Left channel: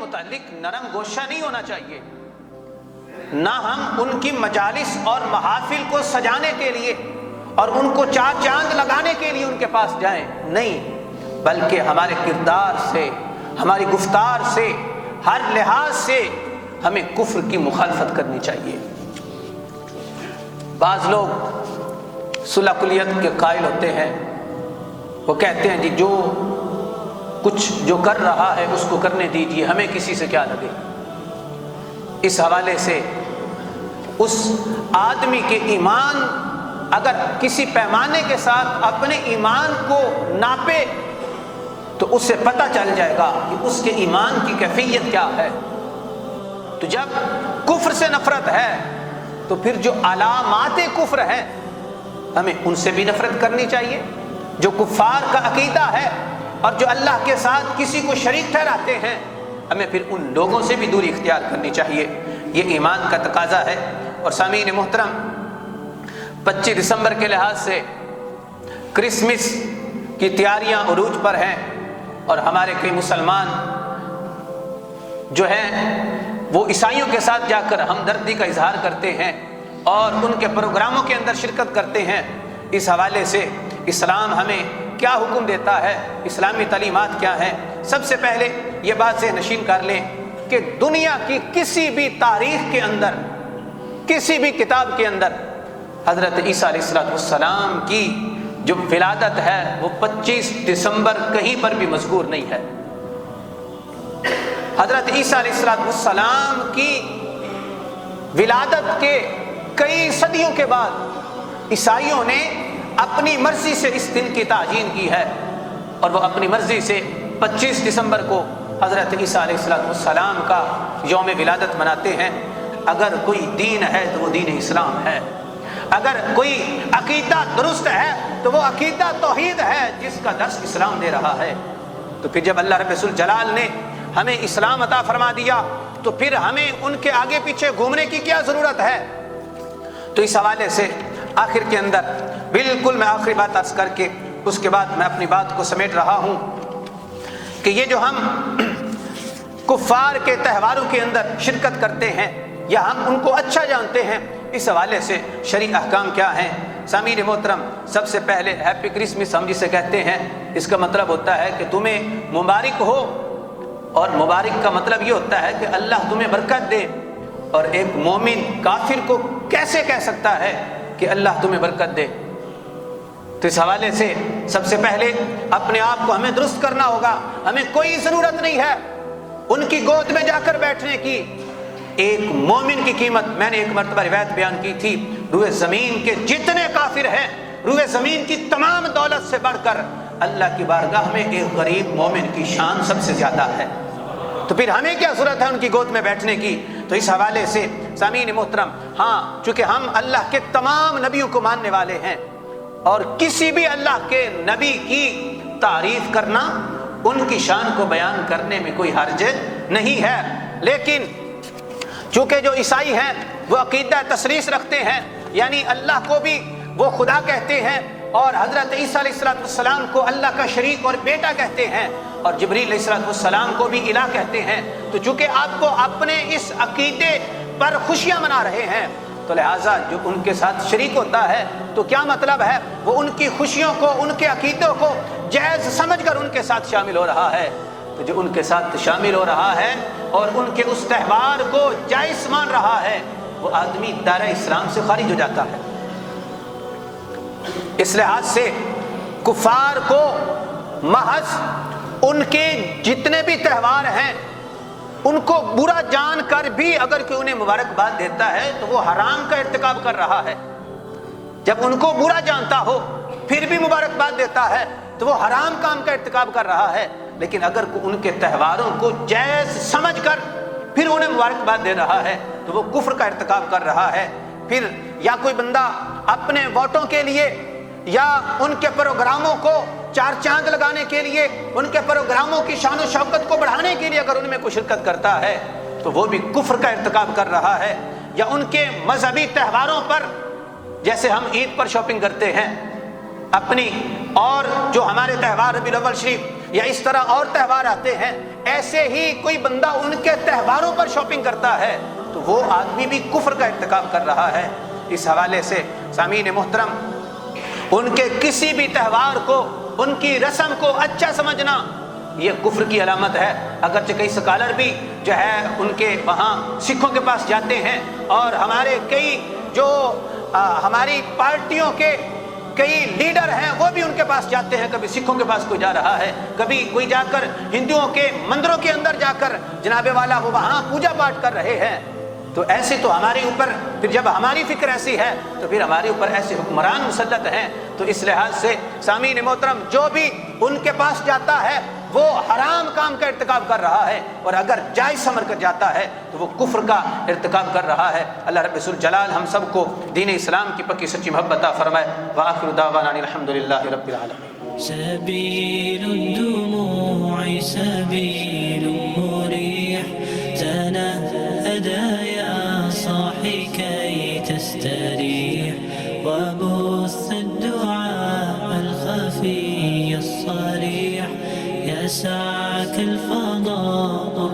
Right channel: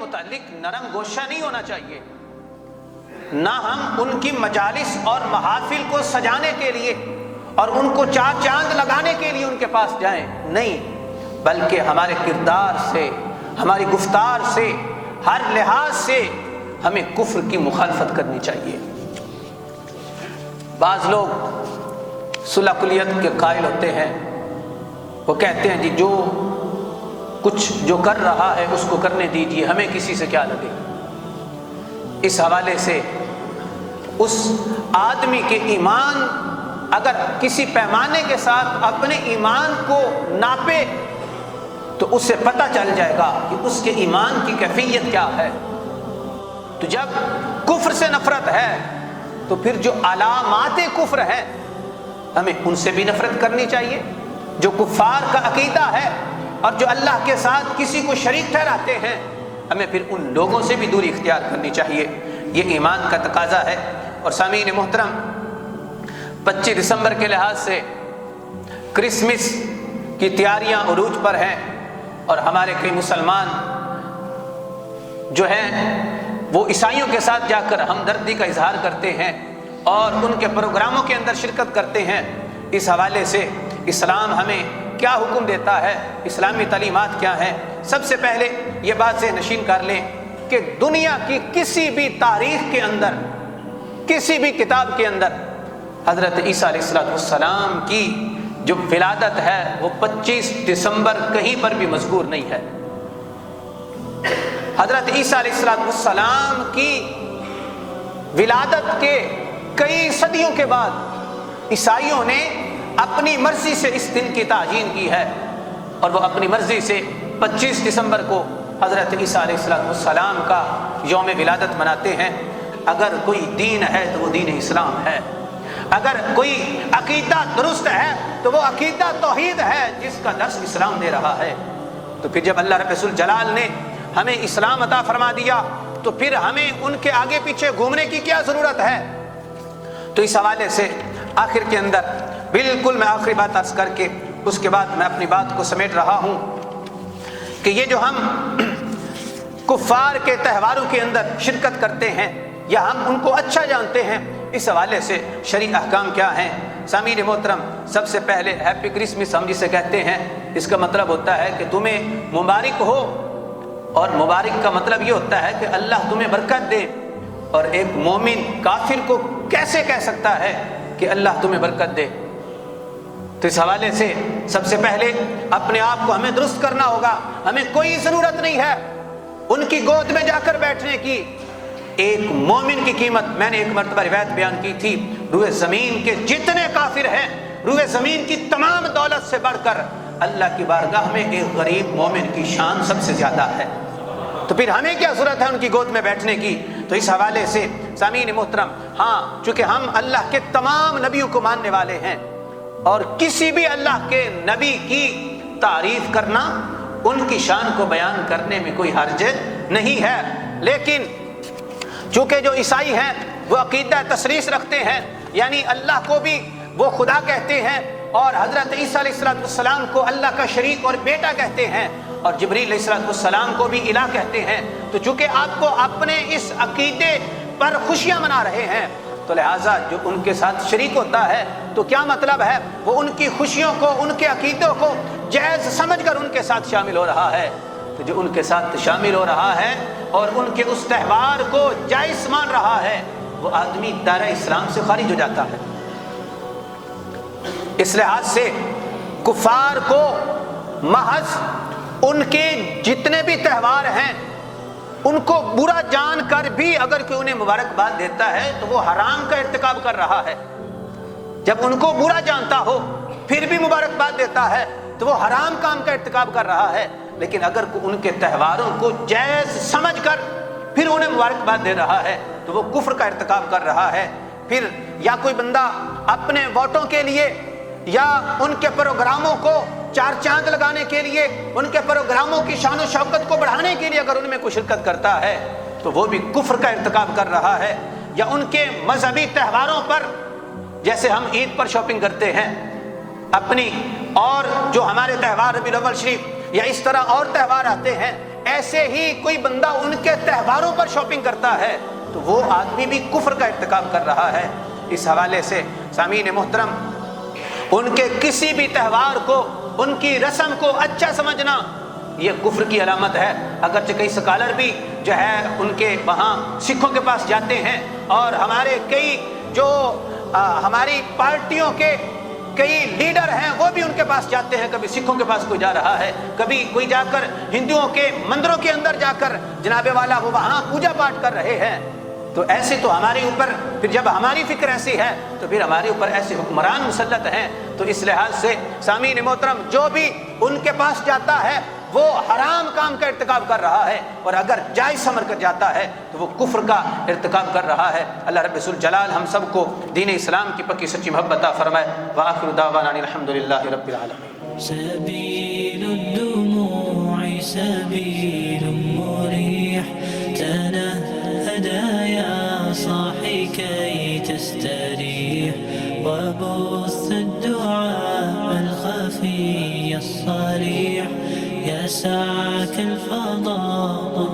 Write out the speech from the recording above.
متعلق نرم گوشہ نہیں ہونا چاہیے، نہ ہم ان کی مجالس اور محافل کو سجانے کے لیے اور ان کو چار چاند لگانے کے لیے ان کے پاس جائیں، نہیں، بلکہ ہمارے کردار سے، ہماری گفتار سے، ہر لحاظ سے ہمیں کفر کی مخالفت کرنی چاہیے۔ بعض لوگ صلح کلیت کے قائل ہوتے ہیں، وہ کہتے ہیں کہ جو کچھ جو کر رہا ہے اس کو کرنے دیجیے، ہمیں کسی سے کیا لگے۔ اس حوالے سے اس آدمی کے ایمان اگر کسی پیمانے کے ساتھ اپنے ایمان کو ناپے تو اس سے پتہ چل جائے گا کہ اس کے ایمان کی کیفیت کیا ہے۔ تو جب کفر سے نفرت ہے تو پھر جو علامات کفر ہیں ہمیں ان سے بھی نفرت کرنی چاہیے۔ جو کفار کا عقیدہ ہے اور جو اللہ کے ساتھ کسی کو شریک ٹھہراتے ہیں، ہمیں پھر ان لوگوں سے بھی دوری اختیار کرنی چاہیے۔ یہ ایمان کا تقاضا ہے۔ اور سامعین محترم، 25 دسمبر کے لحاظ سے کرسمس کی تیاریاں عروج پر ہے، اور ہمارے کئی مسلمان جو ہے وہ عیسائیوں کے ساتھ جا کر ہمدردی کا اظہار کرتے ہیں اور ان کے پروگراموں کے اندر شرکت کرتے ہیں۔ اس حوالے سے اسلام ہمیں کیا حکم دیتا ہے، اسلامی تعلیمات کیا ہیں؟ سب سے پہلے یہ بات سے نشین کر لیں کہ دنیا کی کسی بھی تاریخ کے اندر، کسی بھی کتاب کے اندر حضرت عیسیٰ علیہ السلام کی جو ولادت ہے وہ 25 دسمبر کہیں پر بھی مذکور نہیں ہے۔ حضرت عیسیٰ علیہ السلام کی ولادت کے کئی صدیوں کے بعد عیسائیوں نے اپنی مرضی سے اس دن کی تعیین کی ہے، اور وہ اپنی مرضی سے 25 دسمبر کو حضرت عیسیٰ علیہ السلام کا یوم ولادت مناتے ہیں۔ اگر کوئی دین ہے تو وہ دین اسلام ہے، اگر کوئی عقیدہ درست ہے تو وہ عقیدہ توحید ہے جس کا درس اسلام دے رہا ہے۔ تو پھر جب اللہ رب الجلال نے ہمیں اسلام عطا فرما دیا تو پھر ہمیں ان کے آگے پیچھے گھومنے کی کیا ضرورت ہے؟ تو اس حوالے سے آخر کے اندر بالکل میں آخری بات عرض کر کے اس کے بعد میں اپنی بات کو سمیٹ رہا ہوں کہ یہ جو ہم کفار کے تہواروں کے اندر شرکت کرتے ہیں یا ہم ان کو اچھا جانتے ہیں، اس حوالے سے شرعی احکام کیا ہے؟ سامعین محترم، سب سے پہلے ہیپی کرسمس ہم جسے کہتے ہیں، اس کا مطلب ہوتا ہے کہ تمہیں مبارک ہو، اور مبارک کا مطلب یہ ہوتا ہے کہ اللہ تمہیں برکت دے۔ اور ایک مومن کافر کو کیسے کہہ سکتا ہے کہ اللہ تمہیں برکت دے؟ تو اس حوالے سے سب سے پہلے اپنے آپ کو ہمیں درست کرنا ہوگا۔ ہمیں کوئی ضرورت نہیں ہے ان کی گود میں جا کر بیٹھنے کی۔ ایک مومن کی قیمت، میں نے ایک مرتبہ روایت بیان کی تھی، روئے زمین کے جتنے کافر ہیں، روئے زمین کی تمام دولت سے بڑھ کر اللہ کی بارگاہ میں ایک غریب مومن کی شان سب سے زیادہ ہے۔ تو پھر ہمیں کیا ضرورت ہے ان کی گود میں بیٹھنے کی؟ تو اس حوالے سے سامعین محترم، ہاں، چونکہ ہم اللہ کے تمام نبیوں کو ماننے والے ہیں اور کسی بھی اللہ کے نبی کی تعریف کرنا، ان کی شان کو بیان کرنے میں کوئی حرج نہیں ہے، لیکن چونکہ جو عیسائی ہیں وہ عقیدہ تثلیث رکھتے ہیں، یعنی اللہ کو بھی وہ خدا کہتے ہیں اور حضرت عیسیٰ علیہ السلام کو اللہ کا شریک اور بیٹا کہتے ہیں، اور جبریل علیہ السلام کو بھی الہ کہتے ہیں۔ تو چونکہ آپ کو اپنے اس عقیدے پر خوشیاں منا رہے ہیں، تو لہٰذا جو ان کے ساتھ شریک ہوتا ہے تو کیا مطلب ہے؟ وہ ان کی خوشیوں کو، ان کے عقیدوں کو جائز سمجھ کر ان کے ساتھ شامل ہو رہا ہے۔ تو جو ان کے ساتھ شامل ہو رہا ہے اور ان کے اس تہوار کو جائز مان رہا ہے، وہ آدمی دائرہ اسلام سے خارج ہو جاتا ہے۔ اس لحاظ سے کفار کو محض ان کے جتنے بھی تہوار ہیں ان کو برا جان کر بھی اگر کوئی انہیں مبارکباد دیتا ہے تو وہ حرام کا ارتکاب کر رہا ہے۔ جب ان کو برا جانتا ہو پھر بھی مبارکباد دیتا ہے تو وہ حرام کام کا ارتکاب کر رہا ہے، لیکن اگر ان کے تہواروں کو جائز سمجھ کر پھر انہیں مبارکباد دے رہا ہے تو وہ کفر کا ارتکاب کر رہا ہے۔ پھر یا کوئی بندہ اپنے ووٹوں کے لیے یا ان کے پروگراموں کو چار چاند لگانے کے لیے، ان کے پروگراموں کی شان و شوکت کو بڑھانے کے لیے اگر ان میں کوئی شرکت کرتا ہے تو وہ بھی کفر کا ارتکاب کر رہا ہے۔ یا ان کے مذہبی تہواروں پر، جیسے ہم عید پر شاپنگ کرتے ہیں اپنی، اور جو ہمارے تہوار ربیع الاول شریف یا اس طرح اور تہوار آتے ہیں، ایسے ہی کوئی بندہ ان کے تہواروں پر شاپنگ کرتا ہے تو وہ آدمی بھی کفر کا ارتکاب کر رہا ہے۔ اس حوالے سے سامعین محترم، ان کے کسی بھی تہوار کو، ان کی رسم کو اچھا سمجھنا یہ کفر کی علامت ہے۔ اگرچہ کئی سکالر بھی جو ہے ان کے وہاں سکھوں کے پاس جاتے ہیں، اور ہمارے کئی جو ہماری پارٹیوں کے کئی لیڈر ہیں وہ بھی ان کے پاس جاتے ہیں، کبھی سکھوں کے پاس کوئی جا رہا ہے، کبھی کوئی جا کر ہندوؤں کے مندروں کے اندر جا کر جناب والا وہ وہاں پوجا پاٹ کر رہے ہیں۔ تو ایسی تو ہماری اوپر، پھر جب ہماری فکر ایسی ہے تو پھر ہمارے اوپر ایسے حکمران مسلط ہیں۔ تو اس لحاظ سے سامعین محترم، جو بھی ان کے پاس جاتا ہے وہ حرام کام کا ارتکاب کر رہا ہے، اور اگر جائز سمجھ کر جاتا ہے تو وہ کفر کا ارتکاب کر رہا ہے۔ اللہ رب الجلال ہم سب کو دین اسلام کی پکی سچی محبت عطا فرمائے۔ وآخر دعوانا الحمدللہ رب العالمین۔ سبيل الدموع سبيل مريح، تنهدى يا صاحي كي تستريح، وبث الدعاء الخفي الصريح يسعك الفضاء